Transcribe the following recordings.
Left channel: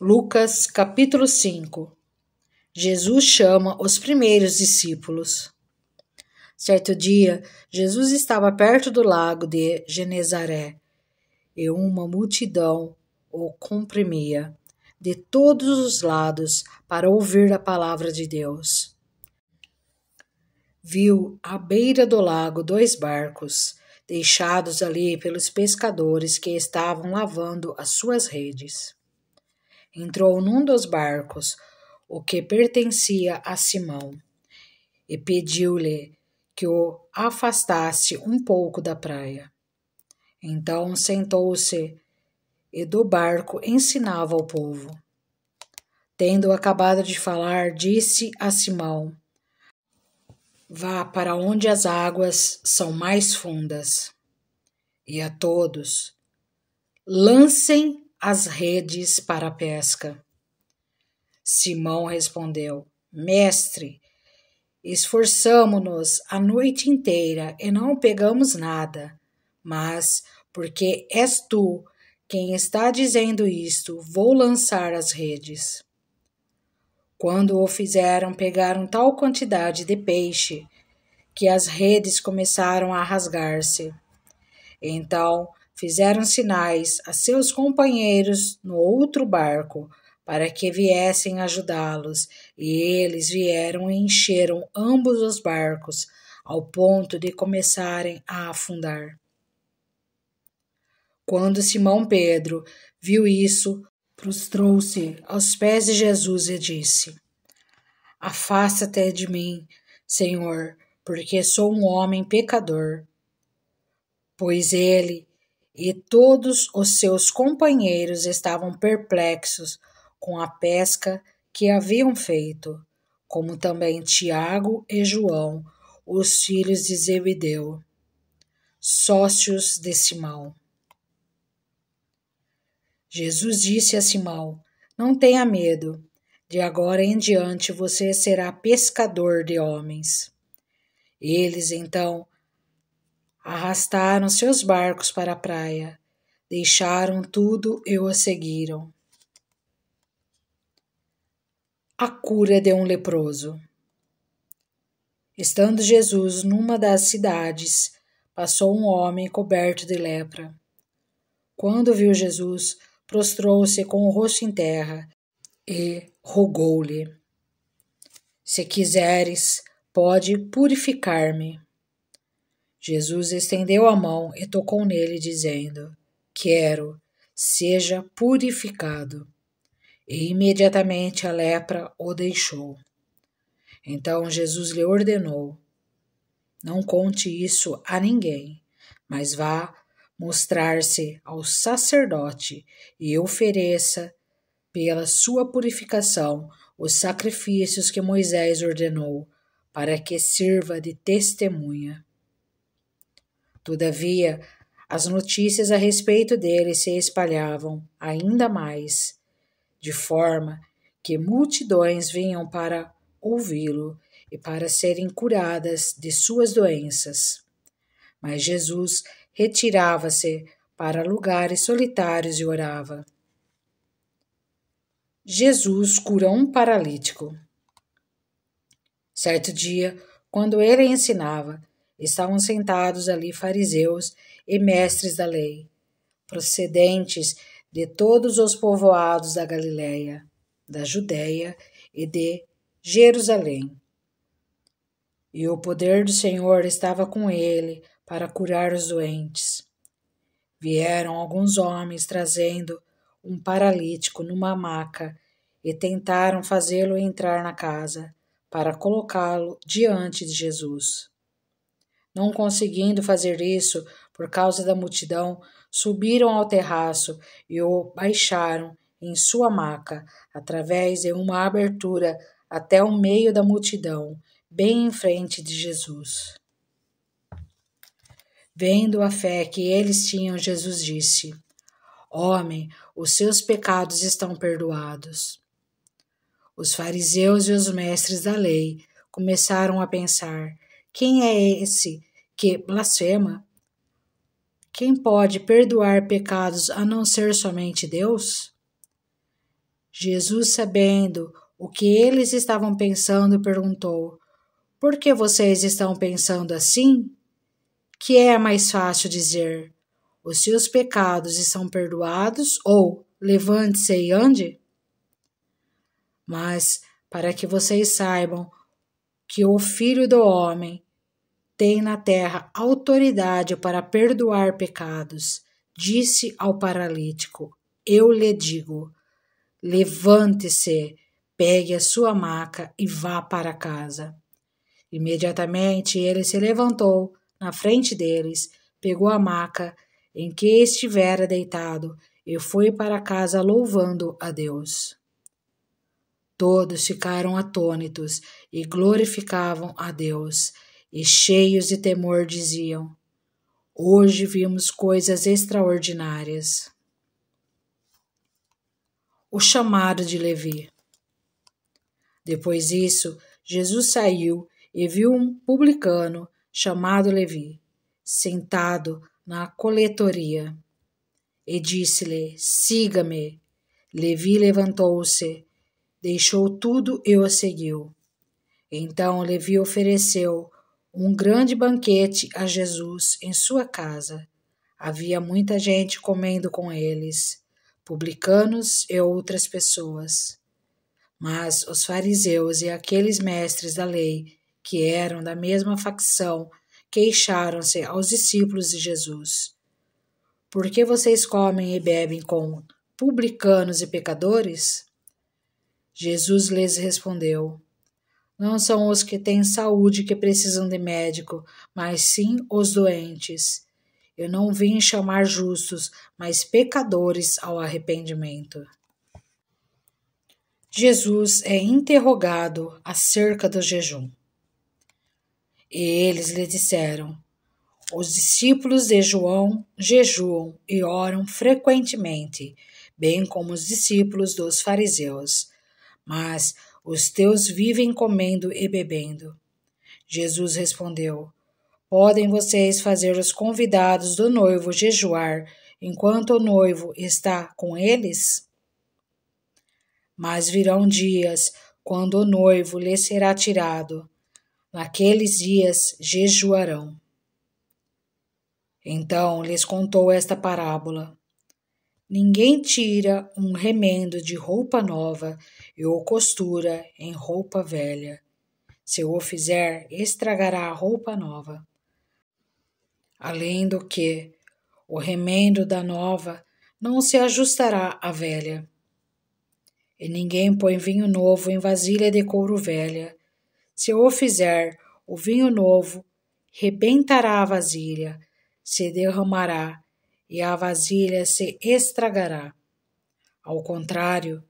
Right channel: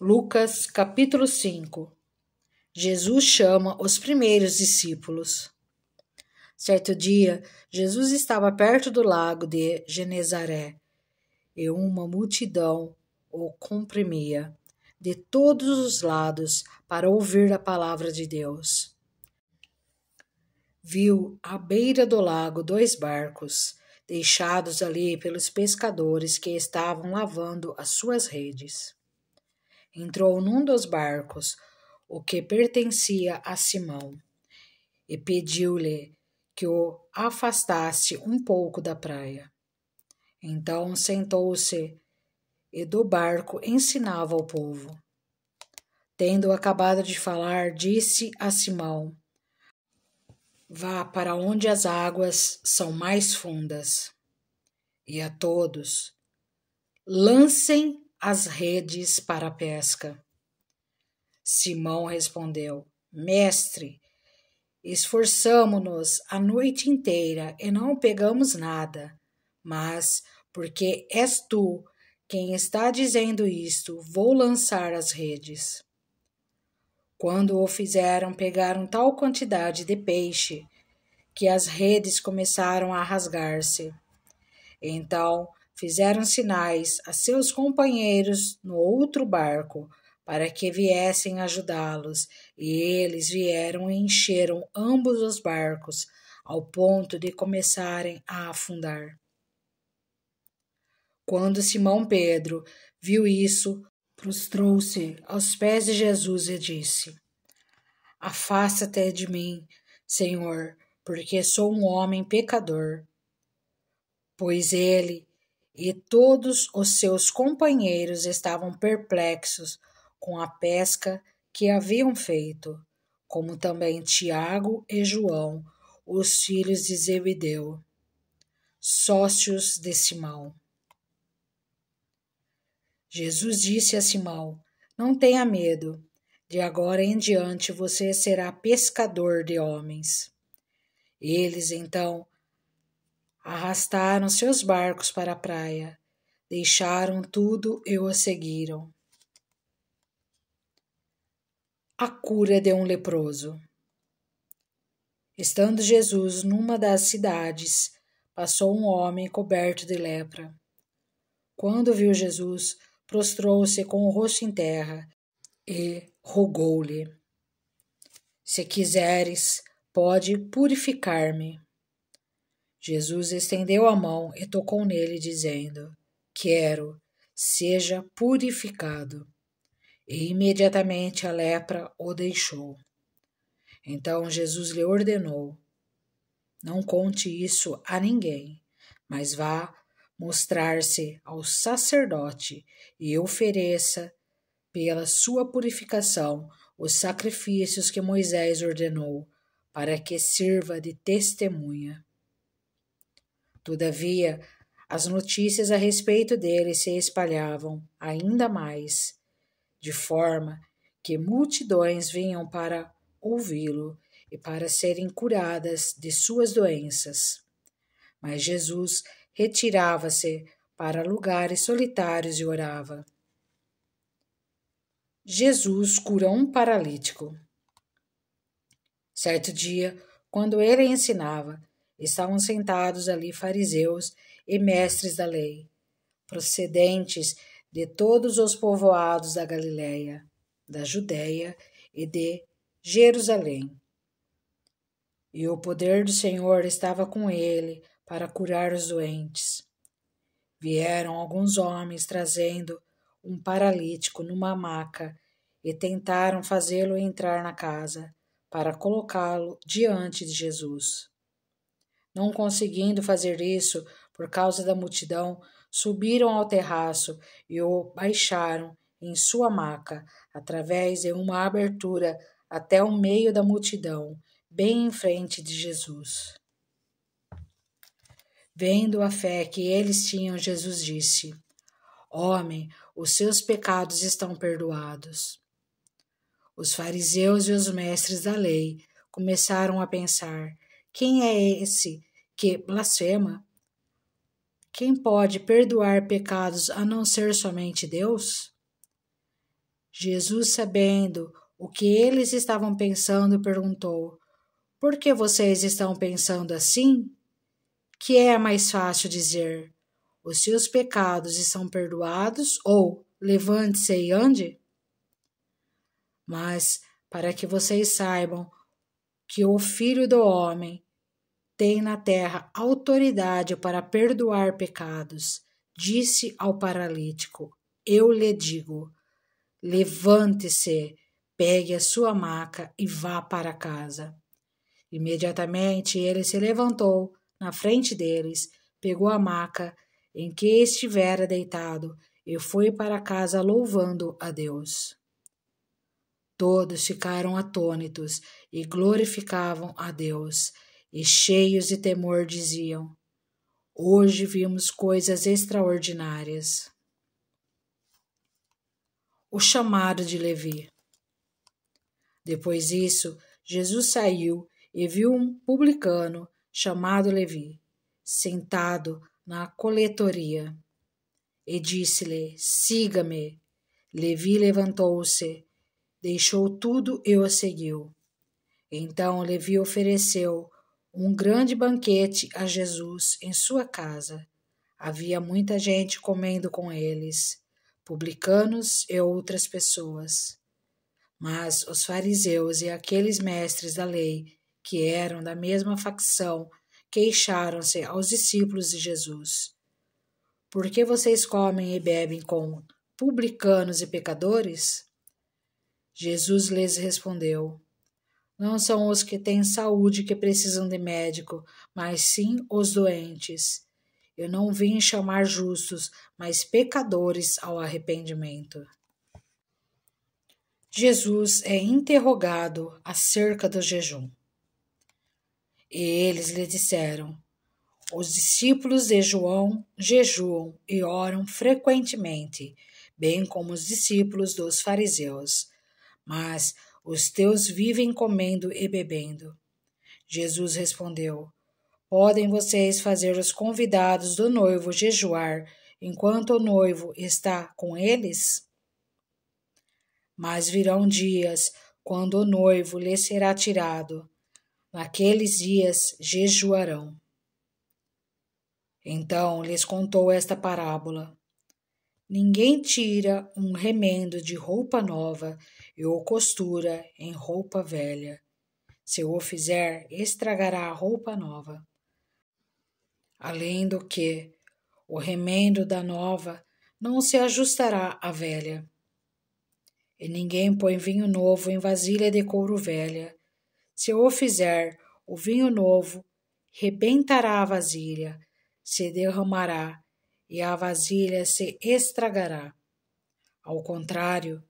Lucas, capítulo 5. Jesus chama os primeiros discípulos. Certo dia, Jesus estava perto do lago de Genezaré e uma multidão o comprimia de todos os lados para ouvir a palavra de Deus. Viu à beira do lago 2 barcos, deixados ali pelos pescadores que estavam lavando as suas redes. Entrou num dos barcos, o que pertencia a Simão, e pediu-lhe que o afastasse um pouco da praia. Então sentou-se e do barco ensinava ao povo. Tendo acabado de falar, disse a Simão: vá para onde as águas são mais fundas, e a todos lancem as redes para a pesca. Simão respondeu: Mestre, esforçamo-nos a noite inteira e não pegamos nada, mas, porque és tu quem está dizendo isto, vou lançar as redes. Quando o fizeram, pegaram tal quantidade de peixe que as redes começaram a rasgar-se. Então fizeram sinais a seus companheiros no outro barco para que viessem ajudá-los, e eles vieram e encheram ambos os barcos, ao ponto de começarem a afundar. Quando Simão Pedro viu isso, prostrou-se aos pés de Jesus e disse: Afasta-te de mim, Senhor, porque sou um homem pecador. Pois ele e todos os seus companheiros estavam perplexos com a pesca que haviam feito, como também Tiago e João, os filhos de Zebedeu, sócios de Simão. Jesus disse a Simão: Não tenha medo, de agora em diante você será pescador de homens. Eles, então, arrastaram seus barcos para a praia, deixaram tudo e o seguiram. A cura de um leproso. Estando Jesus numa das cidades, passou um homem coberto de lepra. Quando viu Jesus, prostrou-se com o rosto em terra e rogou-lhe: Se quiseres, pode purificar-me. Jesus estendeu a mão e tocou nele, dizendo: Quero, seja purificado. E imediatamente a lepra o deixou. Então Jesus lhe ordenou: Não conte isso a ninguém, mas vá mostrar-se ao sacerdote e ofereça, pela sua purificação, os sacrifícios que Moisés ordenou, para que sirva de testemunha. Todavia, as notícias a respeito dele se espalhavam ainda mais, de forma que multidões vinham para ouvi-lo e para serem curadas de suas doenças. Mas Jesus retirava-se para lugares solitários e orava. Jesus cura um paralítico. Certo dia, quando ele ensinava, estavam sentados ali fariseus e mestres da lei, procedentes de todos os povoados da Galiléia, da Judéia e de Jerusalém. E o poder do Senhor estava com ele para curar os doentes. Vieram alguns homens trazendo um paralítico numa maca e tentaram fazê-lo entrar na casa para colocá-lo diante de Jesus. Não conseguindo fazer isso por causa da multidão, subiram ao terraço e o baixaram em sua maca, através de uma abertura até o meio da multidão, bem em frente de Jesus. Vendo a fé que eles tinham, Jesus disse: Homem, os seus pecados estão perdoados. Os fariseus e os mestres da lei começaram a pensar: quem é esse que blasfema? Quem pode perdoar pecados a não ser somente Deus? Jesus, sabendo o que eles estavam pensando, perguntou: Por que vocês estão pensando assim? Que é mais fácil dizer: Os seus pecados estão perdoados, ou levante-se e ande? Mas para que vocês saibam que o Filho do Homem tem na terra autoridade para perdoar pecados, disse ao paralítico: Eu lhe digo, levante-se, pegue a sua maca e vá para casa. Imediatamente ele se levantou na frente deles, pegou a maca em que estivera deitado e foi para casa louvando a Deus. Todos ficaram atônitos e glorificavam a Deus, e cheios de temor diziam: Hoje vimos coisas extraordinárias. O chamado de Levi. Depois disso, Jesus saiu e viu um publicano chamado Levi, sentado na coletoria, e disse-lhe: Siga-me. Levi levantou-se, deixou tudo e o seguiu. Então Levi ofereceu um grande banquete a Jesus em sua casa. Havia muita gente comendo com eles, publicanos e outras pessoas. Mas os fariseus e aqueles mestres da lei, que eram da mesma facção, queixaram-se aos discípulos de Jesus: Por que vocês comem e bebem com publicanos e pecadores? Jesus lhes respondeu: Não são os que têm saúde que precisam de médico, mas sim os doentes. Eu não vim chamar justos, mas pecadores ao arrependimento. Jesus é interrogado acerca do jejum. E eles lhe disseram: Os discípulos de João jejuam e oram frequentemente, bem como os discípulos dos fariseus. Mas os teus vivem comendo e bebendo. Jesus respondeu: Podem vocês fazer os convidados do noivo jejuar enquanto o noivo está com eles? Mas virão dias quando o noivo lhes será tirado. Naqueles dias jejuarão. Então lhes contou esta parábola: Ninguém tira um remendo de roupa nova e o costura em roupa velha. Se o fizer, estragará a roupa nova. Além do que, o remendo da nova não se ajustará à velha. E ninguém põe vinho novo em vasilha de couro velha. Se o fizer, o vinho novo rebentará a vasilha, se derramará, e a vasilha se estragará. Ao contrário,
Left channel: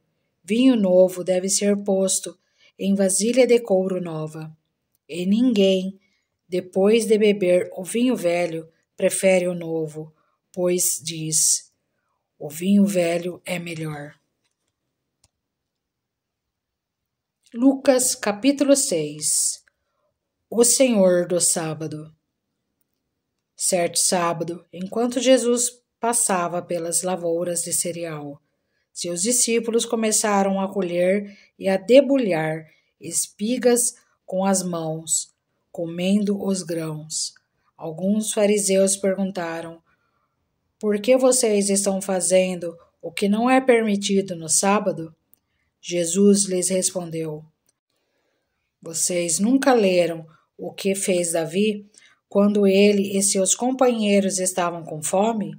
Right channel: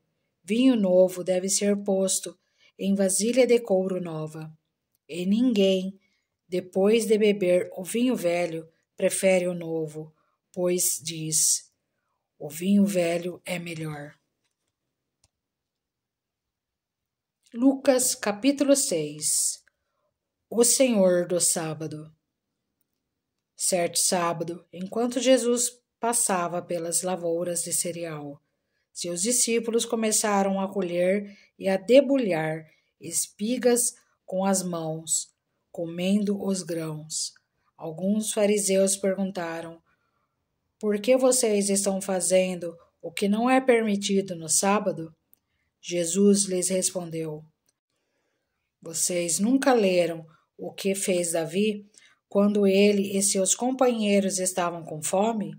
vinho novo deve ser posto em vasilha de couro nova, e ninguém, depois de beber o vinho velho, prefere o novo, pois diz: o vinho velho é melhor. Lucas capítulo 6. O Senhor do Sábado. Certo sábado, enquanto Jesus passava pelas lavouras de cereal, seus discípulos começaram a colher e a debulhar espigas com as mãos, comendo os grãos. Alguns fariseus perguntaram: Por que vocês estão fazendo o que não é permitido no sábado? Jesus lhes respondeu: Vocês nunca leram o que fez Davi quando ele e seus companheiros estavam com fome?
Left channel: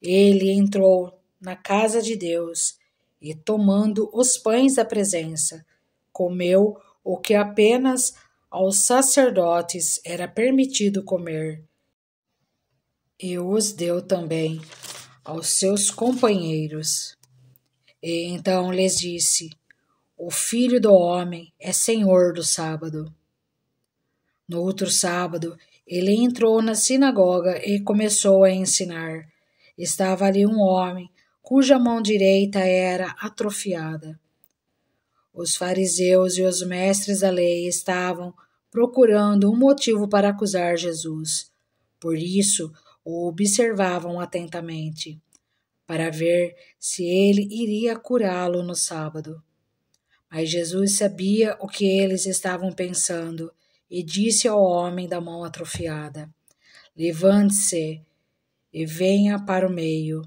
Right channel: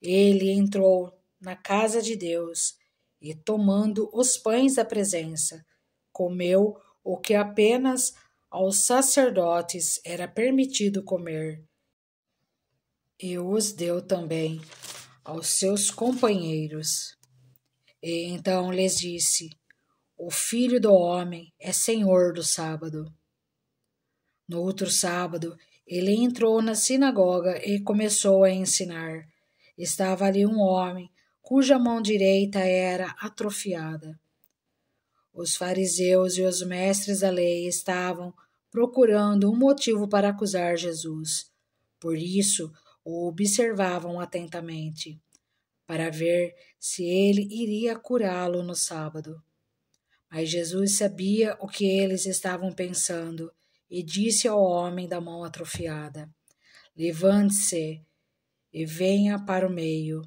Ele entrou na casa de Deus e, tomando os pães da presença, comeu o que apenas aos sacerdotes era permitido comer, e os deu também aos seus companheiros. E então lhes disse: O Filho do Homem é Senhor do sábado. No outro sábado, ele entrou na sinagoga e começou a ensinar. Estava ali um homem cuja mão direita era atrofiada. Os fariseus e os mestres da lei estavam procurando um motivo para acusar Jesus. Por isso, o observavam atentamente. para ver se ele iria curá-lo no sábado. Mas Jesus sabia o que eles estavam pensando e disse ao homem da mão atrofiada: Levante-se e venha para o meio.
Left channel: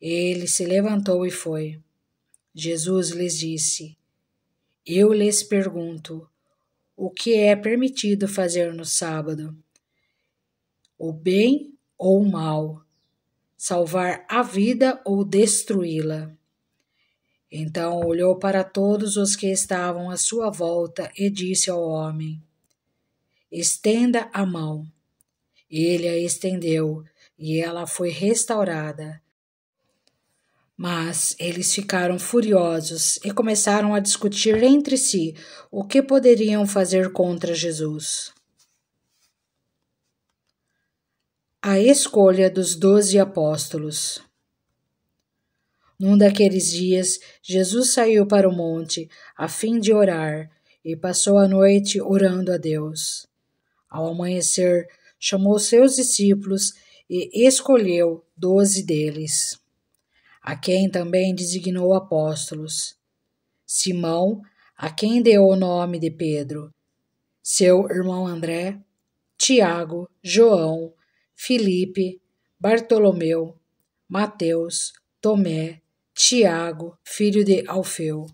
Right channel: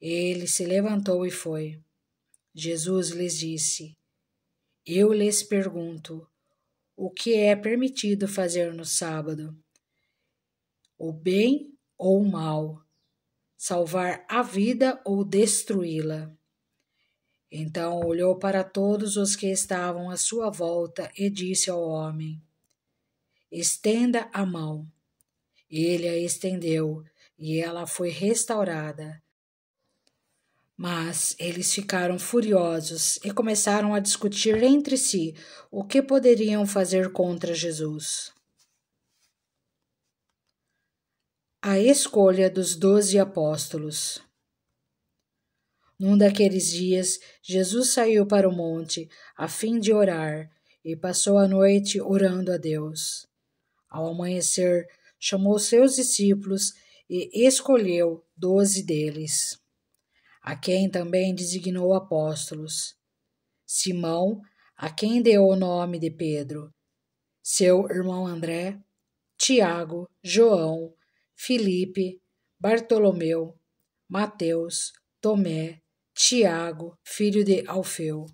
Ele se levantou e foi. Jesus lhes disse: Eu lhes pergunto, o que é permitido fazer no sábado? O bem ou o mal? Salvar a vida ou destruí-la? Então olhou para todos os que estavam à sua volta e disse ao homem: Estenda a mão. Ele a estendeu e ela foi restaurada. Mas eles ficaram furiosos e começaram a discutir entre si o que poderiam fazer contra Jesus. A escolha dos 12 apóstolos. Num daqueles dias, Jesus saiu para o monte a fim de orar e passou a noite orando a Deus. Ao amanhecer, chamou seus discípulos e escolheu 12 deles, a quem também designou apóstolos: Simão, a quem deu o nome de Pedro, seu irmão André, Tiago, João, Filipe, Bartolomeu, Mateus, Tomé, Tiago, filho de Alfeu,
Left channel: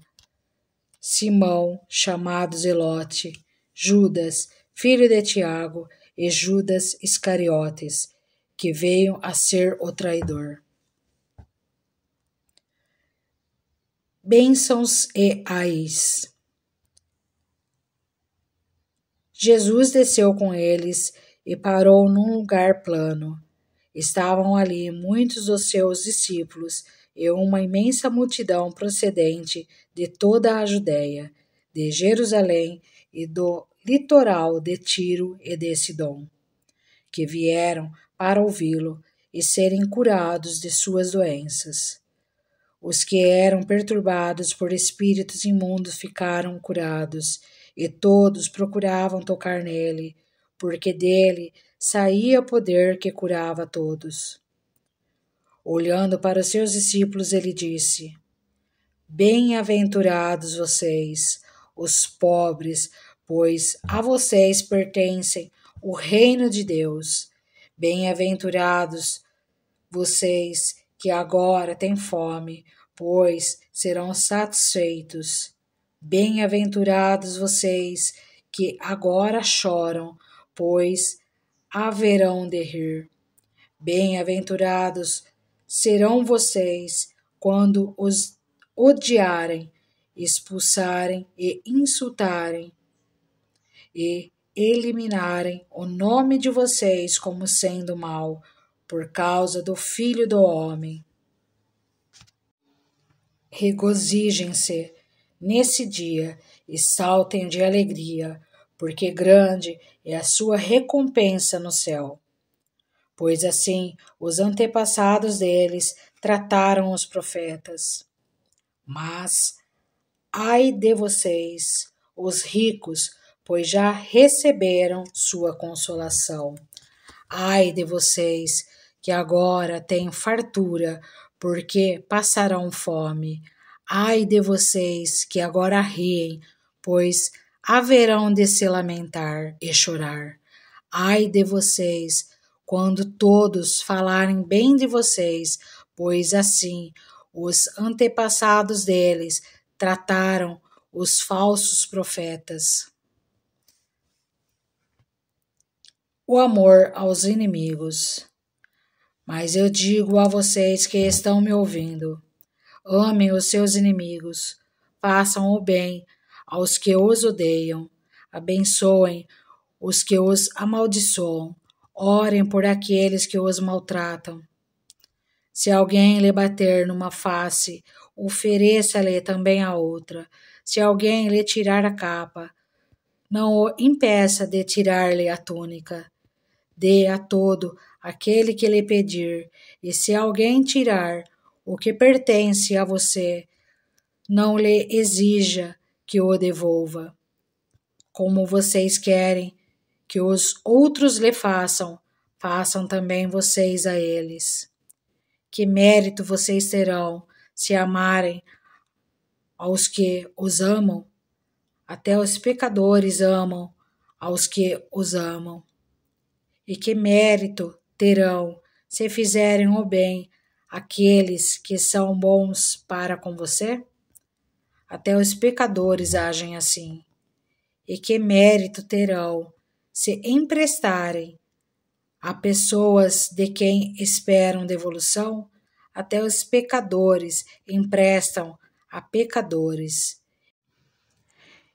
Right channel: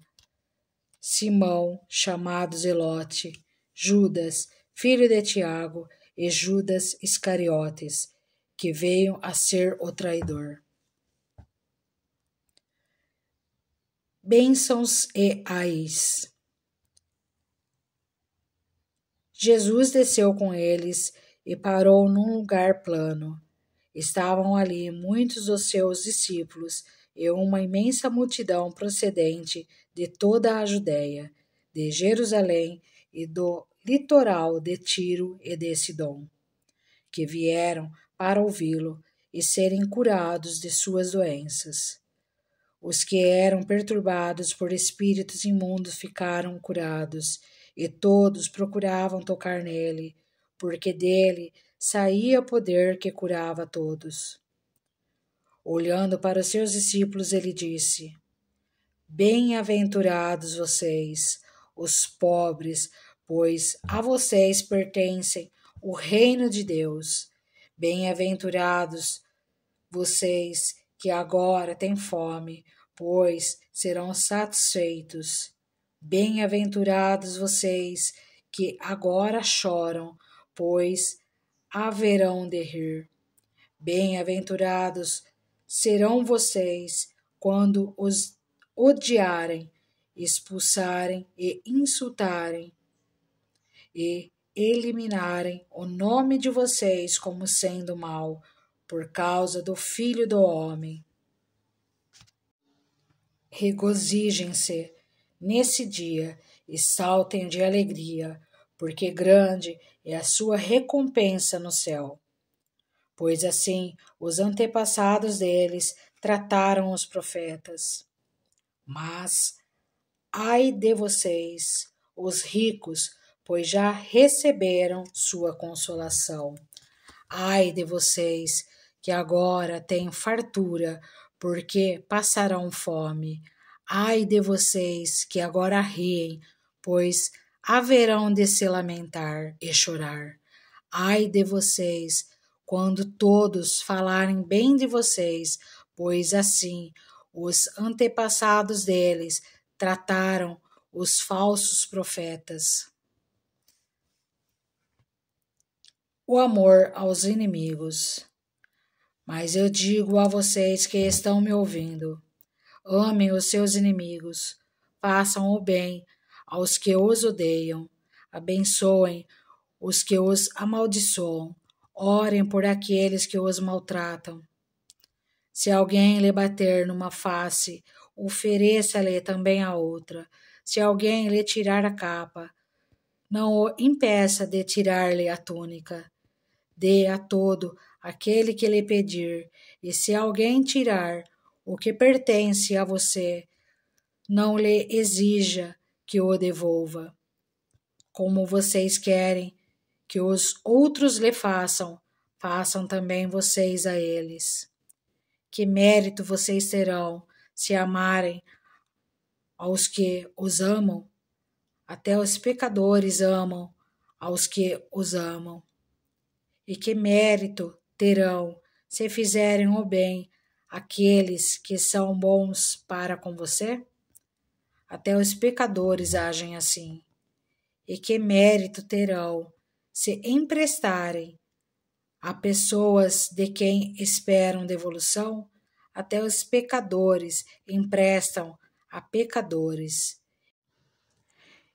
Simão, chamado Zelote, Judas, filho de Tiago, e Judas Iscariotes, que veio a ser o traidor. Bênçãos e ais. Jesus desceu com eles e parou num lugar plano. Estavam ali muitos dos seus discípulos e uma imensa multidão procedente de toda a Judéia, de Jerusalém e do litoral de Tiro e de Sidom, que vieram para ouvi-lo e serem curados de suas doenças. Os que eram perturbados por espíritos imundos ficaram curados, e todos procuravam tocar nele, porque dele saía poder que curava todos. Olhando para os seus discípulos, ele disse: Bem-aventurados vocês, os pobres, pois a vocês pertencem o reino de Deus. Bem-aventurados vocês que agora têm fome, pois serão satisfeitos. Bem-aventurados vocês que agora choram, pois haverão de rir. Bem-aventurados serão vocês quando os odiarem, expulsarem e insultarem, e eliminarem o nome de vocês como sendo mau, por causa do Filho do Homem. Regozijem-se nesse dia e saltem de alegria, porque grande é a sua recompensa no céu. Pois assim os antepassados deles trataram os profetas. Mas ai de vocês, os ricos, pois já receberam sua consolação. Ai de vocês, que agora têm fartura, porque passarão fome. Ai de vocês, que agora riem, pois haverão de se lamentar e chorar. Ai de vocês, quando todos falarem bem de vocês, pois assim os antepassados deles trataram os falsos profetas. O amor aos inimigos. Mas eu digo a vocês que estão me ouvindo: amem os seus inimigos, façam o bem aos que os odeiam, abençoem os que os amaldiçoam, orem por aqueles que os maltratam. Se alguém lhe bater numa face, ofereça-lhe também a outra. Se alguém lhe tirar a capa, não o impeça de tirar-lhe a túnica. Dê a todo aquele que lhe pedir, e se alguém tirar o que pertence a você, não lhe exija que o devolva. Como vocês querem que os outros lhe façam, façam também vocês a eles. Que mérito vocês terão se amarem aos que os amam? Até os pecadores amam aos que os amam. E que mérito terão se fizerem o bem àqueles que são bons para com você? Até os pecadores agem assim. E que mérito terão se emprestarem a pessoas de quem esperam devolução? Até os pecadores emprestam a pecadores,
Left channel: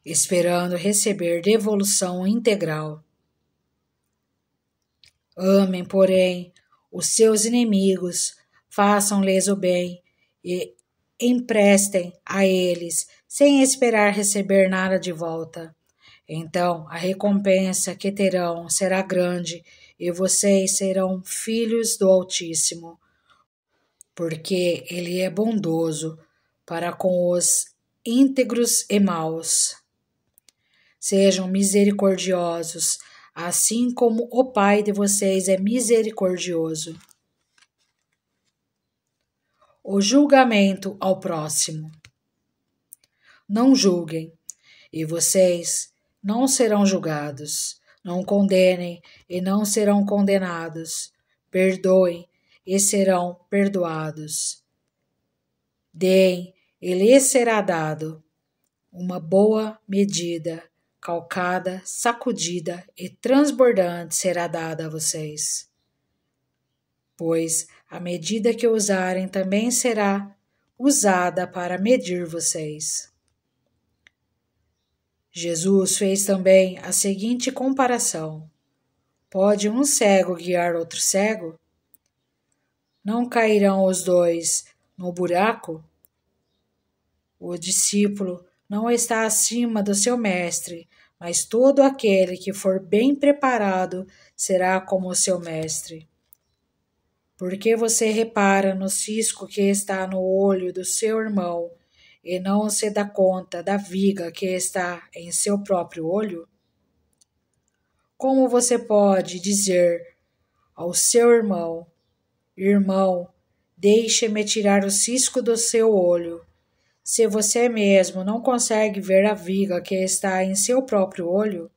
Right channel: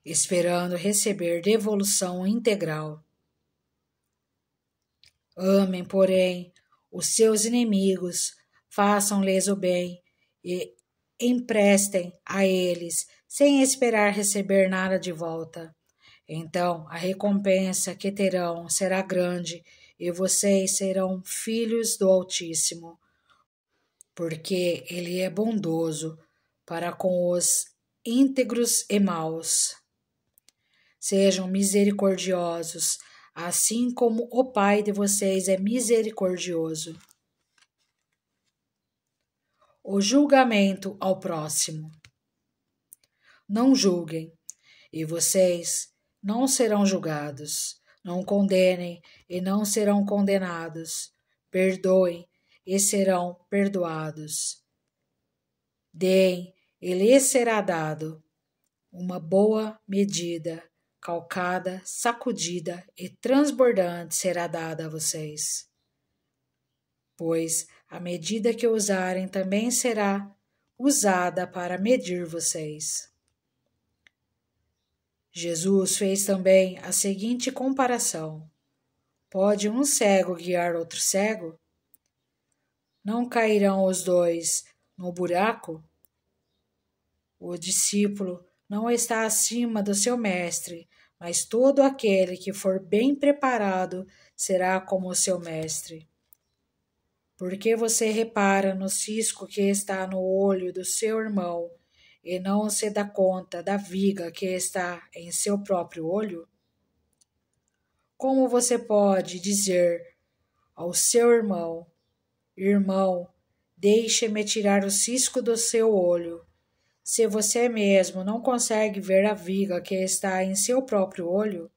esperando receber devolução integral. Amem, porém, os seus inimigos, façam-lhes o bem e emprestem a eles, sem esperar receber nada de volta. Então a recompensa que terão será grande e vocês serão filhos do Altíssimo, porque Ele é bondoso para com os íntegros e maus. Sejam misericordiosos, assim como o Pai de vocês é misericordioso. O julgamento ao próximo. Não julguem, e vocês não serão julgados. Não condenem, e não serão condenados. Perdoem, e serão perdoados. Deem, e lhes será dado uma boa medida, calcada, sacudida e transbordante será dada a vocês. Pois a medida que usarem também será usada para medir vocês. Jesus fez também a seguinte comparação: pode um cego guiar outro cego? Não cairão os dois no buraco? O discípulo não está acima do seu mestre, mas todo aquele que for bem preparado será como o seu mestre. Por que você repara no cisco que está no olho do seu irmão e não se dá conta da viga que está em seu próprio olho? Como você pode dizer ao seu irmão: irmão, deixe-me tirar o cisco do seu olho, se você mesmo não consegue ver a viga que está em seu próprio olho?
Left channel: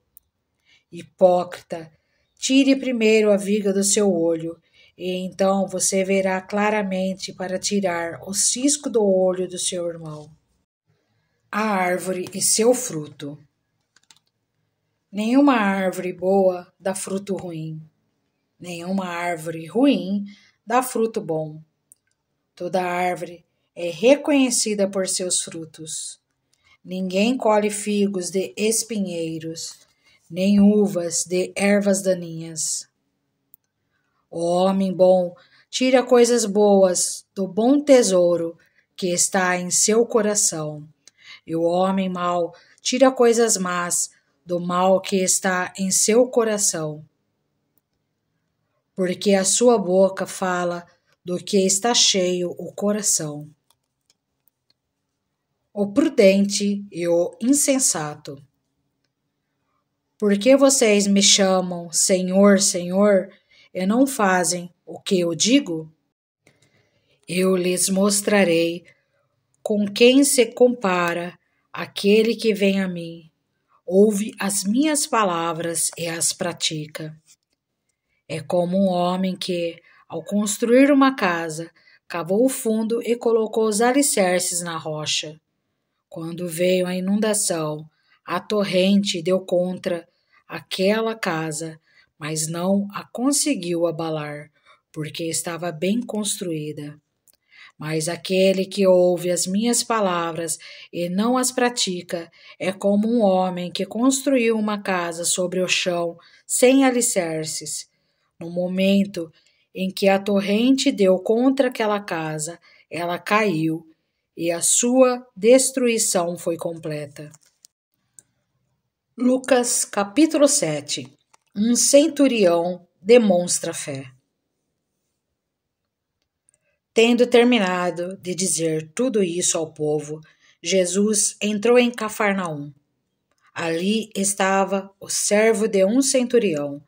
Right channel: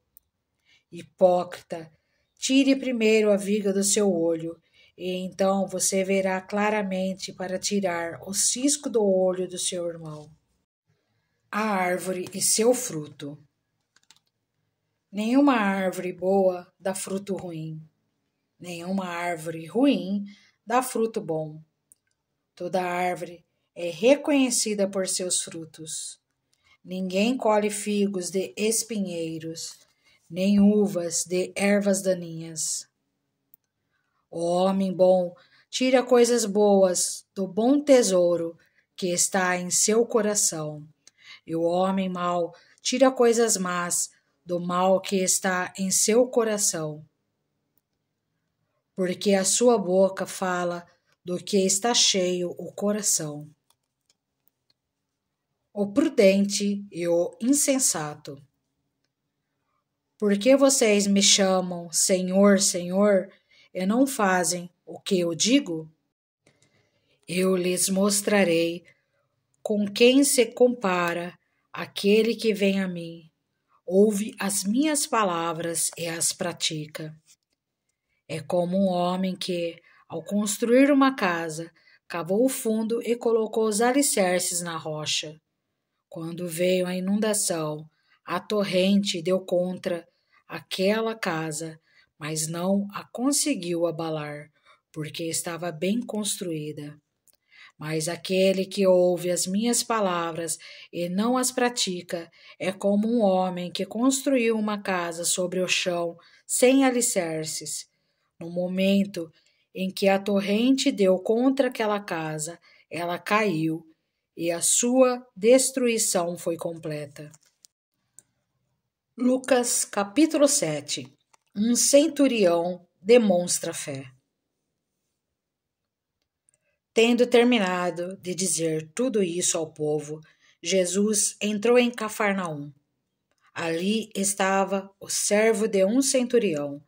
Hipócrita, tire primeiro a viga do seu olho, e então você verá claramente para tirar o cisco do olho do seu irmão. A árvore e seu fruto. Nenhuma árvore boa dá fruto ruim. Nenhuma árvore ruim dá fruto bom. Toda árvore é reconhecida por seus frutos. Ninguém colhe figos de espinheiros, nem uvas de ervas daninhas. O homem bom tira coisas boas do bom tesouro que está em seu coração, e o homem mau tira coisas más do mal que está em seu coração. Porque a sua boca fala do que está cheio o coração. O prudente e o insensato. Por que vocês me chamam Senhor, Senhor, e não fazem o que eu digo? Eu lhes mostrarei com quem se compara aquele que vem a mim, ouve as minhas palavras e as pratica. É como um homem que, ao construir uma casa, cavou o fundo e colocou os alicerces na rocha. Quando veio a inundação, a torrente deu contra aquela casa, mas não a conseguiu abalar, porque estava bem construída. Mas aquele que ouve as minhas palavras e não as pratica é como um homem que construiu uma casa sobre o chão sem alicerces. No momento em que a torrente deu contra aquela casa, ela caiu e a sua destruição foi completa. Lucas capítulo 7. Um centurião demonstra fé. Tendo terminado de dizer tudo isso ao povo, Jesus entrou em Cafarnaum. Ali estava o servo de um centurião,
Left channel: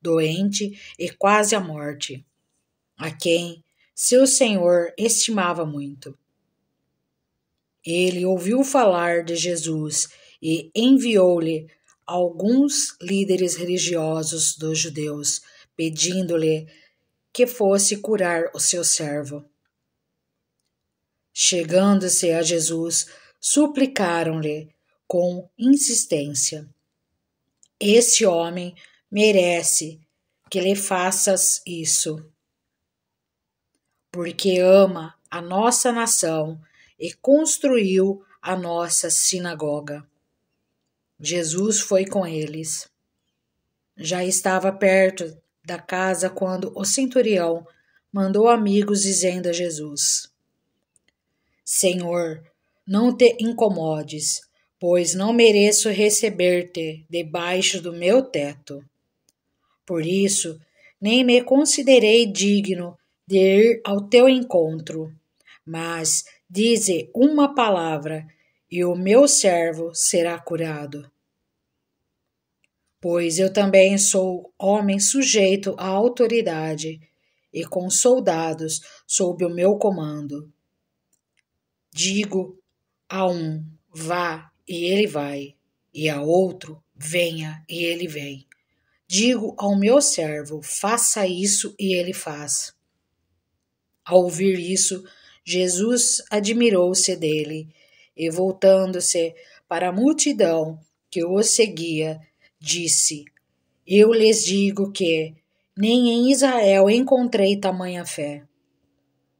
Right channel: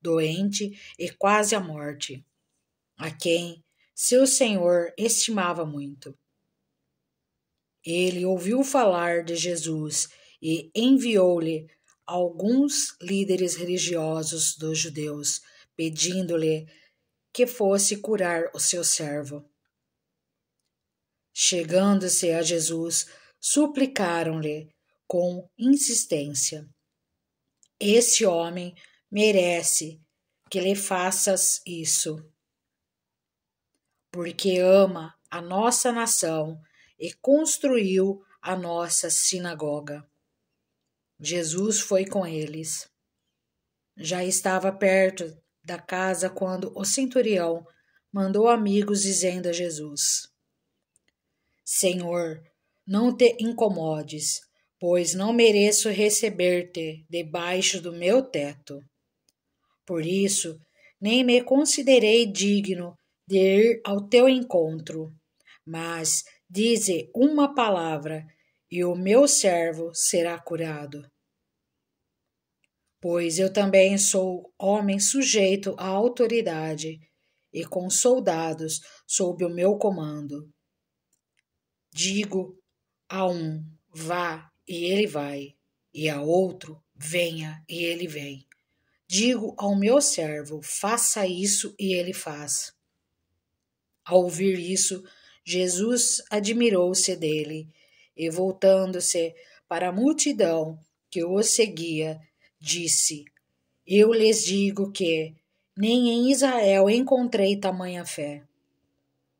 doente e quase à morte, a quem seu senhor estimava muito. Ele ouviu falar de Jesus e enviou-lhe alguns líderes religiosos dos judeus, pedindo-lhe que fosse curar o seu servo. Chegando-se a Jesus, suplicaram-lhe com insistência: Esse homem merece que lhe faças isso, porque ama a nossa nação e construiu a nossa sinagoga. Jesus foi com eles. Já estava perto da casa quando o centurião mandou amigos dizendo a Jesus: Senhor, não te incomodes, pois não mereço receber-te debaixo do meu teto. Por isso, nem me considerei digno de ir ao teu encontro, mas dize uma palavra e o meu servo será curado. Pois eu também sou homem sujeito à autoridade e com soldados sob o meu comando. Digo a um, vá, e ele vai, e a outro, venha, e ele vem. Digo ao meu servo, faça isso, e ele faz. Ao ouvir isso, Jesus admirou-se dele, e voltando-se para a multidão que o seguia, disse: Eu lhes digo que nem em Israel encontrei tamanha fé.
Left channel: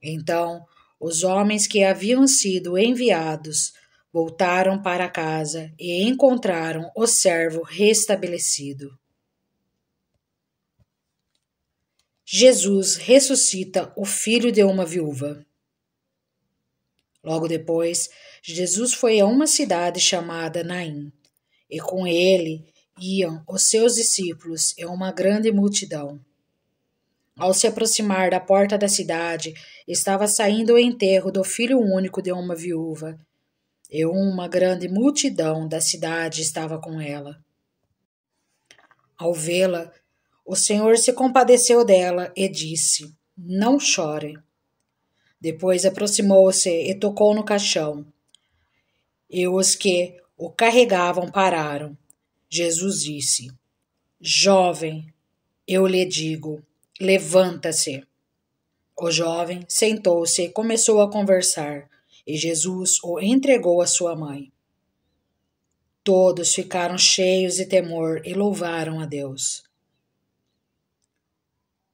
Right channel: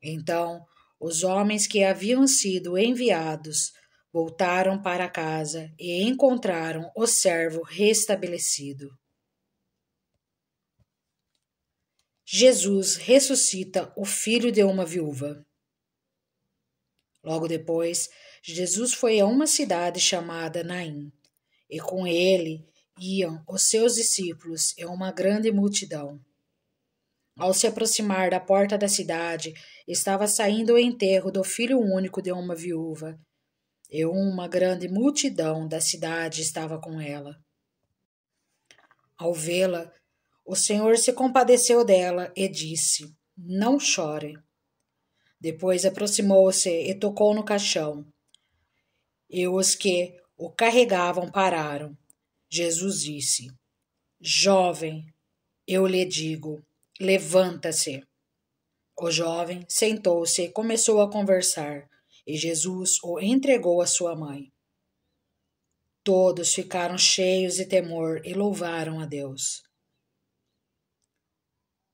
Então, os homens que haviam sido enviados voltaram para casa e encontraram o servo restabelecido. Jesus ressuscita o filho de uma viúva. Logo depois, Jesus foi a uma cidade chamada Naim, e com ele iam os seus discípulos e uma grande multidão. Ao se aproximar da porta da cidade, estava saindo o enterro do filho único de uma viúva, e uma grande multidão da cidade estava com ela. Ao vê-la, o Senhor se compadeceu dela e disse: Não chore. Depois aproximou-se e tocou no caixão. E os que o carregavam pararam. Jesus disse: Jovem, eu lhe digo, levanta-se. O jovem sentou-se e começou a conversar, e Jesus o entregou à sua mãe. Todos ficaram cheios de temor e louvaram a Deus.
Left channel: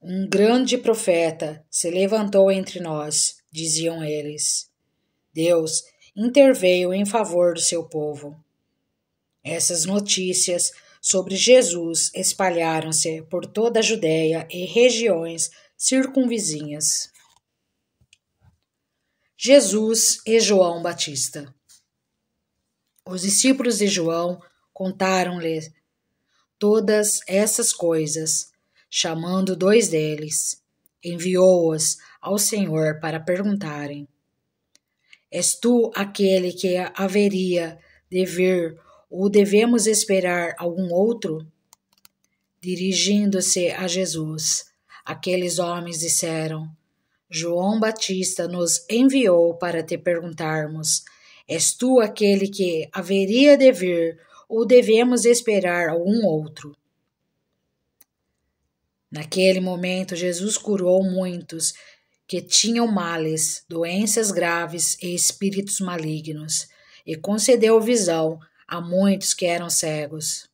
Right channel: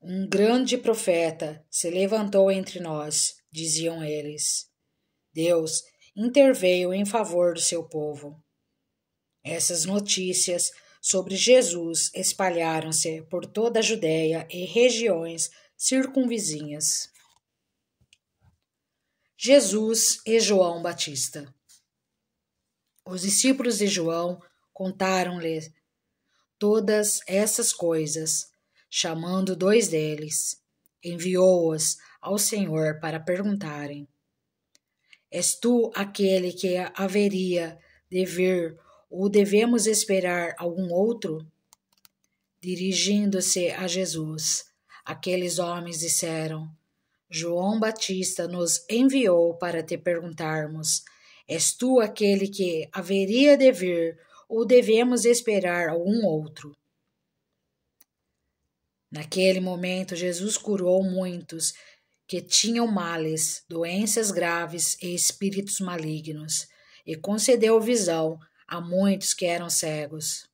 Um grande profeta se levantou entre nós, diziam eles. Deus interveio em favor do seu povo. Essas notícias sobre Jesus espalharam-se por toda a Judéia e regiões circunvizinhas. Jesus e João Batista. Os discípulos de João contaram-lhe todas essas coisas, chamando 2 deles, enviou-os ao Senhor para perguntarem: És tu aquele que haveria de vir ou devemos esperar algum outro? Dirigindo-se a Jesus, aqueles homens disseram: João Batista nos enviou para te perguntarmos: És tu aquele que haveria de vir ou devemos esperar algum outro? Naquele momento, Jesus curou muitos que tinham males, doenças graves e espíritos malignos, e concedeu visão a muitos que eram cegos.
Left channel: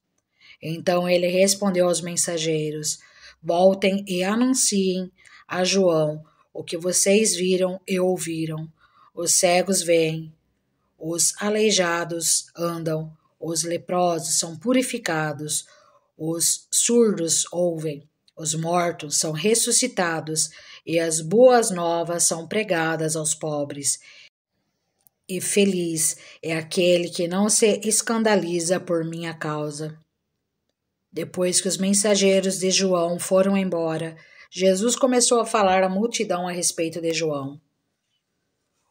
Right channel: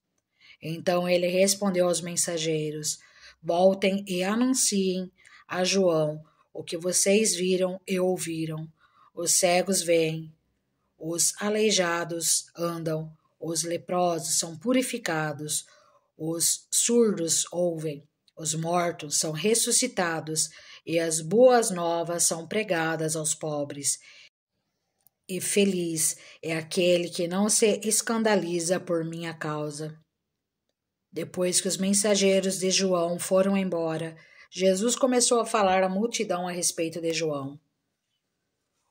Então ele respondeu aos mensageiros: Voltem e anunciem a João o que vocês viram e ouviram. Os cegos veem, os aleijados andam, os leprosos são purificados, os surdos ouvem, os mortos são ressuscitados e as boas novas são pregadas aos pobres. E feliz é aquele que não se escandaliza por minha causa. Depois que os mensageiros de João foram embora, Jesus começou a falar à multidão a respeito de João.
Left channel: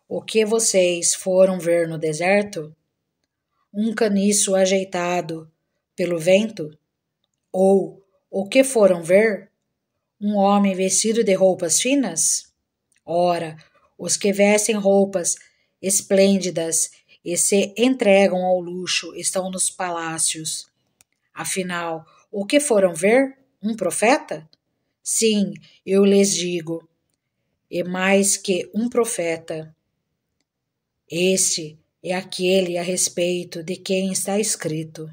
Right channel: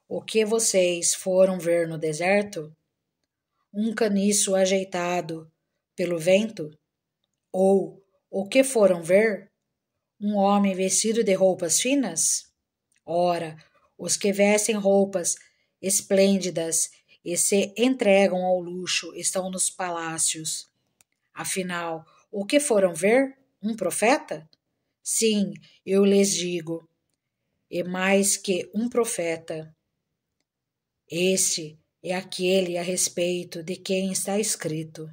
O que vocês foram ver no deserto? Um caniço ajeitado pelo vento? Ou o que foram ver? Um homem vestido de roupas finas? Ora, os que vestem roupas esplêndidas e se entregam ao luxo estão nos palácios. Afinal, o que foram ver? Um profeta? Sim, eu lhes digo, e mais que um profeta. Este é aquele a respeito de quem está escrito:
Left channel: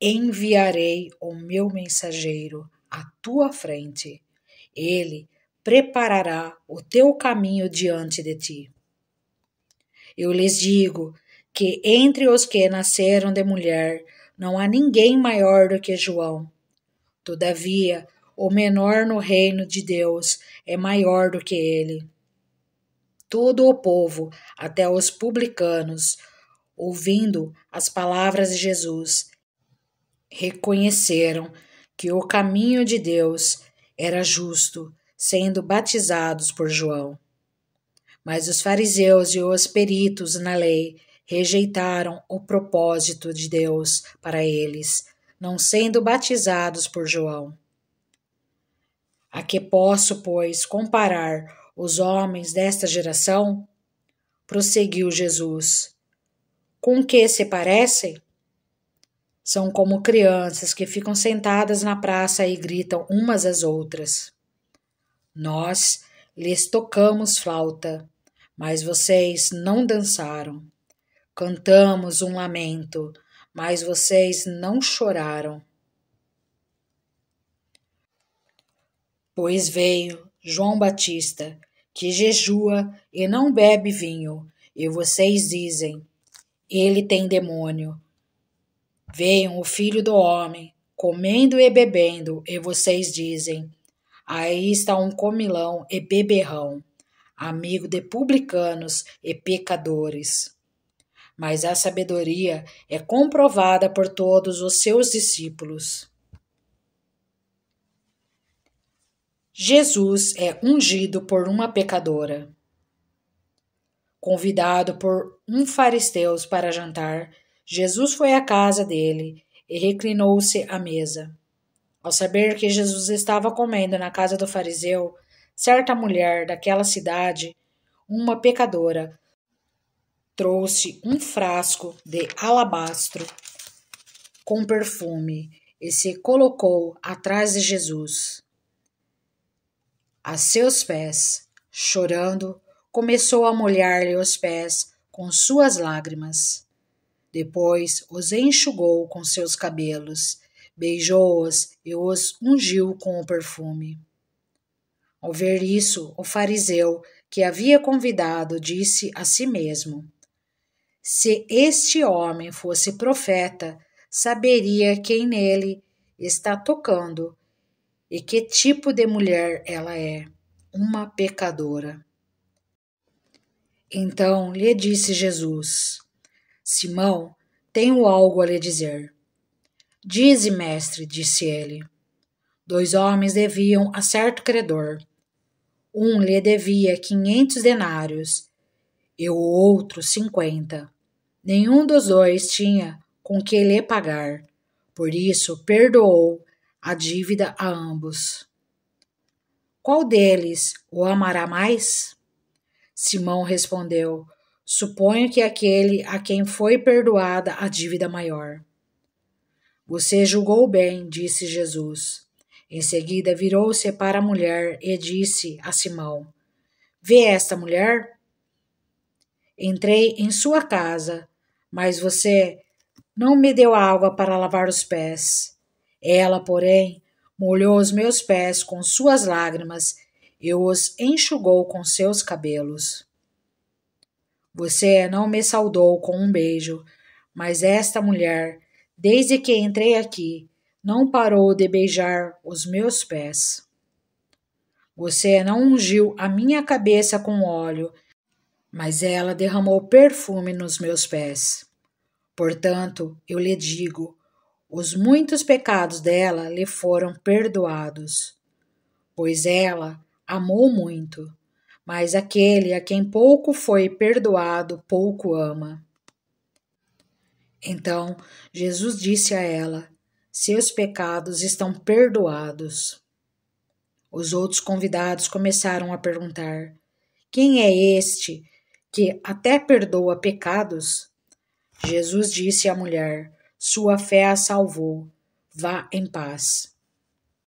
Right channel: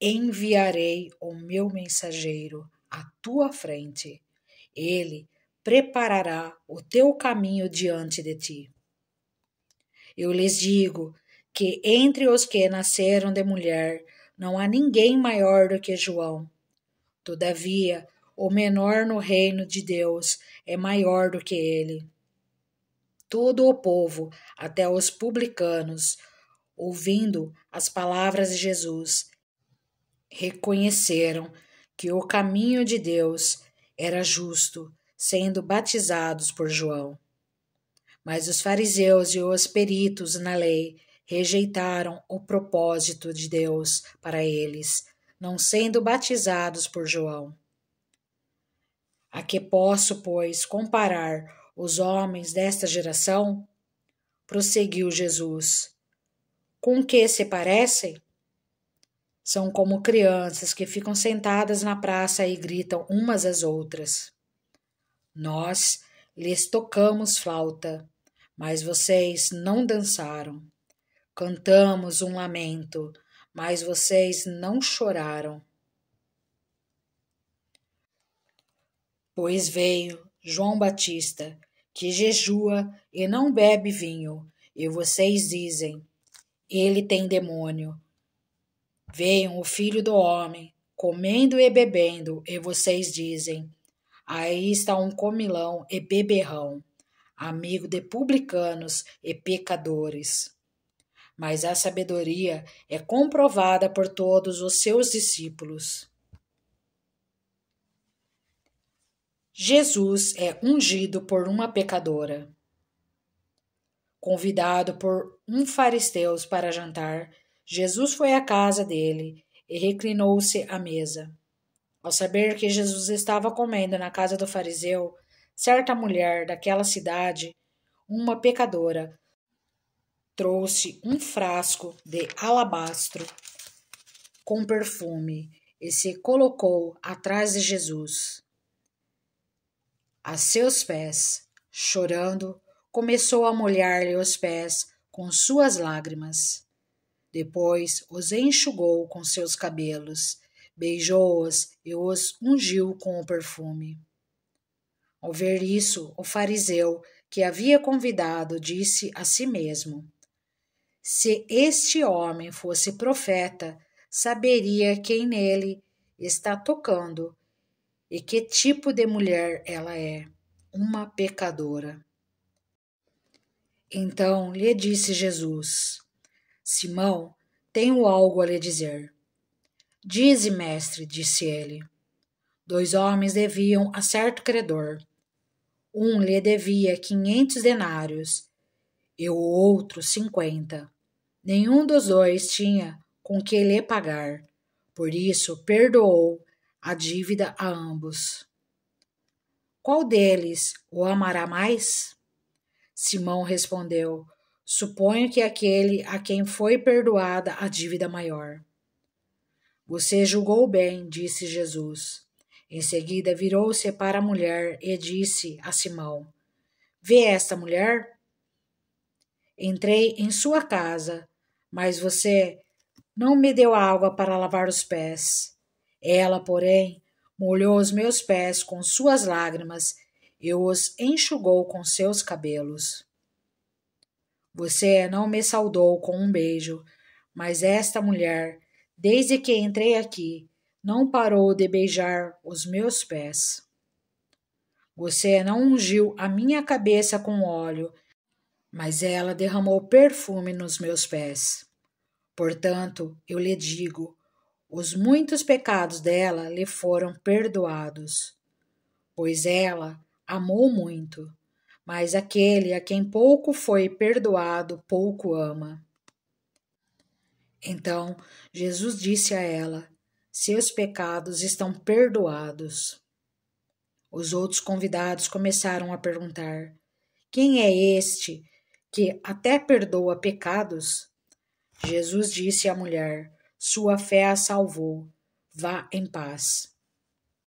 enviarei o meu mensageiro à tua frente. Ele preparará o teu caminho diante de ti. Eu lhes digo que entre os que nasceram de mulher não há ninguém maior do que João. Todavia, o menor no reino de Deus é maior do que ele. Todo o povo, até os publicanos, ouvindo as palavras de Jesus, reconheceram que o caminho de Deus era justo, sendo batizados por João. Mas os fariseus e os peritos na lei rejeitaram o propósito de Deus para eles, não sendo batizados por João. A que posso, pois, comparar os homens desta geração? Prosseguiu Jesus. Com que se parecem? São como crianças que ficam sentadas na praça e gritam umas às outras. Nós lhes tocamos flauta, mas vocês não dançaram. Cantamos um lamento, mas vocês não choraram. Pois veio João Batista, que jejua e não bebe vinho, e vocês dizem, ele tem demônio. Veio o Filho do Homem, comendo e bebendo, e vocês dizem, aí está um comilão e beberrão, amigo de publicanos e pecadores. Mas a sabedoria é comprovada por todos os seus discípulos. Jesus é ungido por uma pecadora. Convidado por um fariseu para jantar, Jesus foi à casa dele e reclinou-se à mesa. Ao saber que Jesus estava comendo na casa do fariseu, certa mulher daquela cidade, uma pecadora, trouxe um frasco de alabastro com perfume e se colocou atrás de Jesus. A seus pés, chorando, começou a molhar-lhe os pés com suas lágrimas. Depois os enxugou com seus cabelos, beijou-os e os ungiu com o perfume. Ao ver isso, o fariseu que havia convidado disse a si mesmo: se este homem fosse profeta, saberia quem nele está tocando e que tipo de mulher ela é, uma pecadora. Então lhe disse Jesus: Simão, tenho algo a lhe dizer. Dize, mestre, disse ele. 2 homens deviam a certo credor. Um lhe devia 500 denários e o outro 50. Nenhum dos dois tinha com que lhe pagar, por isso perdoou a dívida a ambos. Qual deles o amará mais? Simão respondeu: suponho que aquele a quem foi perdoada a dívida maior. Você julgou bem, disse Jesus. Em seguida virou-se para a mulher e disse a Simão: vê esta mulher? Entrei em sua casa, mas você não me deu água para lavar os pés. Ela, porém, molhou os meus pés com suas lágrimas e os enxugou com seus cabelos. Você não me saudou com um beijo, mas esta mulher, desde que entrei aqui, não parou de beijar os meus pés. Você não ungiu a minha cabeça com óleo, mas ela derramou perfume nos meus pés. Portanto, eu lhe digo, os muitos pecados dela lhe foram perdoados, pois ela amou muito, mas aquele a quem pouco foi perdoado, pouco ama. Então, Jesus disse a ela: seus pecados estão perdoados. Os outros convidados começaram a perguntar: quem é este que até perdoa pecados? Jesus disse à mulher: sua fé a salvou. Vá em paz.